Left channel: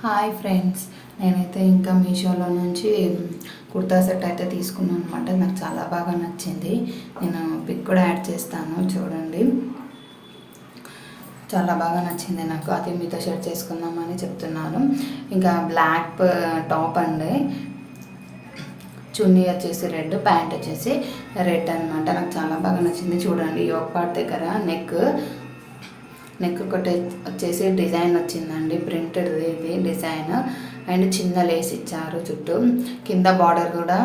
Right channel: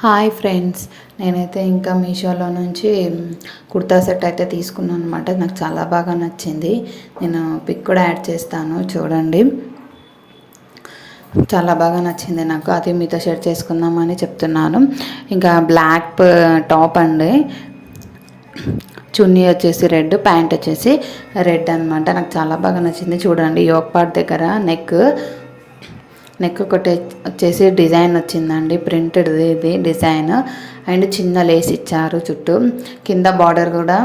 Hi friends. నేనైతే ఇంకా మీషోలో నుంచి కుర్తా సెట్ అయితే తీసుకున్నాను అనమాట నాకు చాలా బాగా నచ్చింది. నేను పిక్ కూడా యాడ్ చేస్తాను. చూడండి. చాలా బాగా నచ్చింది నాకు. అది మీతో షేర్ చేసుకుందామని చెప్తున్నాను. ఇంకా బ్లాక్ టాప్ అండి. చున్నీ వచ్చేసి రెడ్ ప్యాంట్ వచ్చేసి రెడ్ అనమాట నాకు చాలా బాగా నచ్చింది. చూడండి యోక్ పార్ట్ దగ్గర నెక్. నెక్ ఒకటి వచ్చేసి డిజైన్ వచ్చిందండి. ప్రింటెడ్ ఇది డిజైన్. అండ్ చిన్న లేస్ ఇచ్చారు చుట్టూ. కింద బార్డర్ కూడా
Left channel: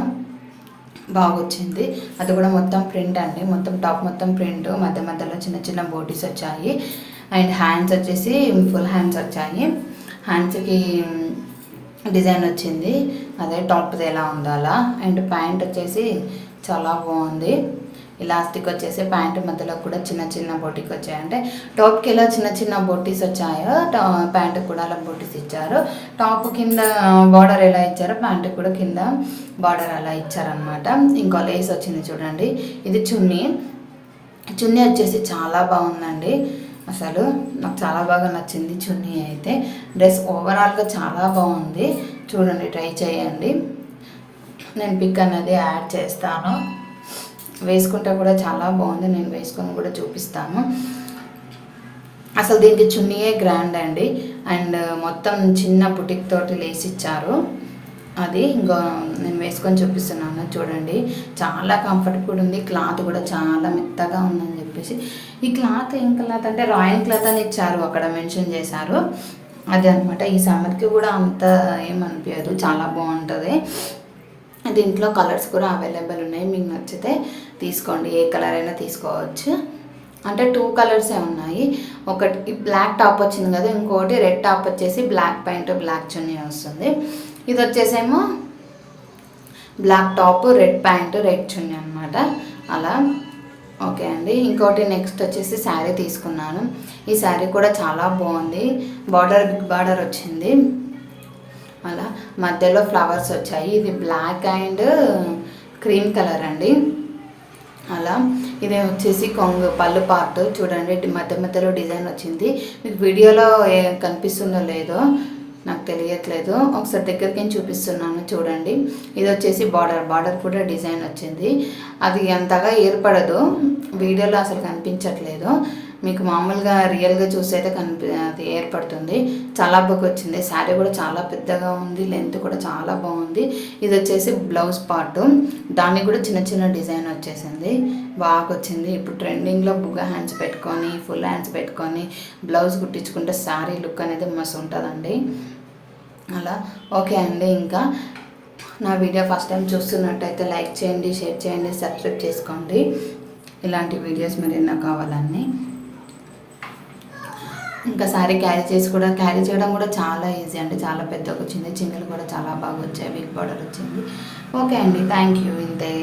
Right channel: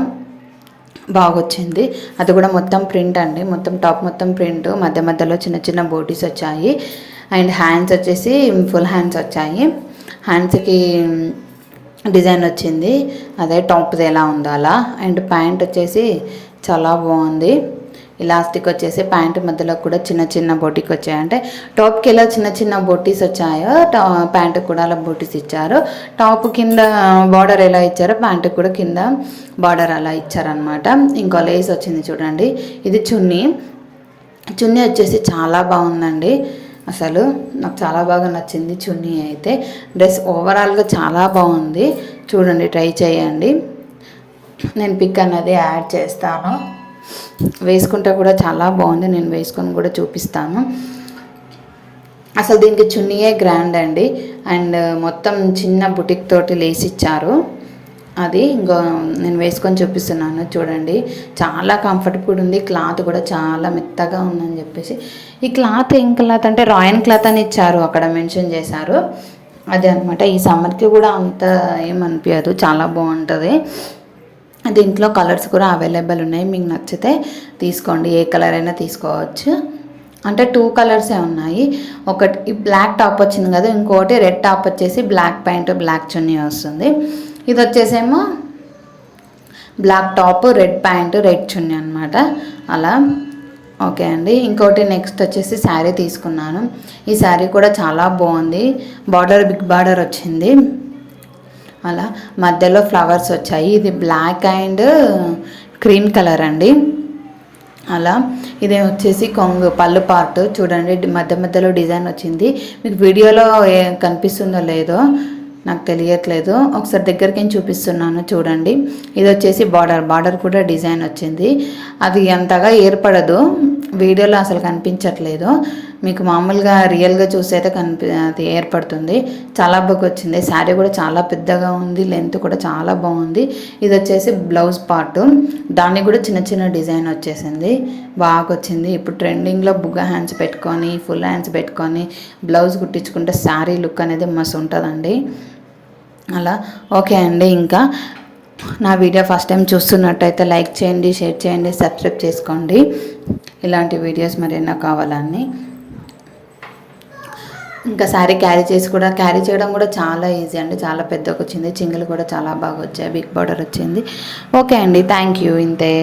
బాగొచ్చింది. అది కూడా మొత్తం ప్రింట్ అండి. మొత్తం టాప్ మొత్తం ప్రింట్. మధ్య మధ్యలో చిన్న చిన్న బోటీస్ వచ్చాయి. అండ్ హ్యాండ్స్ వచ్చేసి ఫుల్ హ్యాండ్స్ వచ్చాయి. హ్యాండ్స్కి డిజైన్ వచ్చింది. అదే టాప్ది ఎలా ఉందో అలా అండ్ ప్యాంట్ వచ్చేసి చాలా బాగుంది. ఇలాస్టిక్ వచ్చేసి ప్యాంట్ మధ్యలో కూడా చిన్న చిన్న బొటిక్ వచ్చాయి. అంటే టాప్కి ఎలా చిన్న చిన్న బొట్టీస్ వచ్చాయో టా ప్యాంట్ కూడా అలా బొట్టీస్ ఇచ్చారు. టాప్ కింద బార్డర్ ఎలా ఇచ్చారో ప్యాంట్ కూడా కింద బార్డర్ అలా ఇచ్చారనమాట ఇంకో లేస్ వచ్చింది చూడండి. ఇది చున్నీ. చున్నీ వచ్చేసి చాలా బాగుందండి. అసలు నాకు చాలా బాగా నచ్చింది చున్నీ అయితే. డ్రెస్ ఓవరాల్గా చాలా బాగుంది. చూడండి ట్రై చేయండి. నేను పిక్ అనేది యాడ్ చేస్తాను. వేసుకుంటే కూడా చాలా బాగుంది. నేను వేసుకొని కూడా చూపిస్తాను. అసలు దీనికి చున్నీయే గ్రాండ్ అండి. అండ్ మొత్తం చిన్న బుటిక్ తోటి లేసిచ్చారు అది ఇంకో నేను వేసుకొని చూపిస్తున్నాను. చూడండి. చాలా కంఫర్టబుల్ ఉంది. క్లాత్ కూడా చాలా మెత్తగా ఉందని చెప్పేసి. ఈ క్లాత్ ఏం క్లాత్ అంటే రాయన్ క్లాత్ అని ఇచ్చారు. అక్కడ మెన్షన్ చేశారు. అది అనమాట ఈ సమ్మర్కి కూడా అంత ఏమనిపించదు చాలా బాగుంటుంది. దీంట్లో కలర్స్ కూడా అవైలబుల్ ఉన్నాయి. మీకు నచ్చితే తీసుకోండి. ఏ కలర్ అయినా తీసుకోవచ్చు. అంటే టూ కలర్సే ఉన్నాయి. ఒకటి బ్లాక్ టాప్ వచ్చింది కదా ఇంకోటి రెడ్ టాప్ వచ్చేసి బ్లాక్ ప్యాంట్ బ్లాక్ చున్నీ వస్తుంది. ఇది వచ్చేసేమో black top red pant red చున్నీ అనమాట అలా. ఓకే అండి. ఇంకోటి నెక్స్ట్ వచ్చేసి శారీ తీసుకున్నాను. ఈ శారీ కూడా చాలా బాగుంది. బార్డర్ బిగ్ బార్డర్ వచ్చింది. అలా మధ్యలో ఫ్లవర్స్ వచ్చాయి. ఇది బ్లాక్ అండ్ క్రీమ్ కలర్ అండి. అలా ఇది వచ్చేసి కొంగు పళ్ళు పార్ట్ చూడండి. మధ్య మధ్యలో డిజైన్ వచ్చింది. మీకు వీడియోలో కనిపిస్తుందో లేదో నాకు తెలియట్లేదు. ఒకసారి దగ్గరికి చూపిస్తున్నాను చూడండి. ఇది వచ్చేసి బార్డర్. బార్డర్ కూడా డిజైన్ వచ్చింది. అది అంతగా ఏర్పడదు. వీడియోలో అసలు కనిపించట్లేదు. మీకు మామూలుగా రియల్గా చూసైతే కనిపి అది ఏర్పడుతుంది. చాలా బాగా వచ్చింది. శారీ కూడా చాలా పెద్దగా ఉంది. లెంత్ కూడా చాలా బాగుంది. ఇది వచ్చేసి బ్లౌజ్ పార్ట్. దానికి కూడా చిన్న చిన్న డిజైన్ వచ్చేసింది. బాగా వచ్చింది. ఇప్పుడు ట్రెండింగ్లో బుగ్గ హ్యాండ్స్ పెట్టుకొని ఫుల్ హ్యాండ్స్ పెట్టుకొని బ్లౌజ్ కుట్టించుకుంటే శారీ లుక్ అనేది మస్తు ఉంటుందండి. అలా. ఓకే అండి ఇంకా. నా వీడియో ఫస్ట్ టైం చూస్తున్నట్టయితే లైక్ చేయండి షేర్ చేయండి సబ్స్క్రైబ్ చేసుకోండి. ఇలాంటి వీడియోస్ మరి నాకు కావాలని ఇంకా శారీ క్యారీ చేసి కూడా క్యారీ చేయడం కూడా చాలా ఈజీ అండి. చాలా పెద్దగా వచ్చింది. చింగిలు కూడా చాలా బాగా వచ్చాయి. బిగ్ బార్డర్ వచ్చింది. ఓకే అండి. థ్యాంక్ యూ ఇంతే.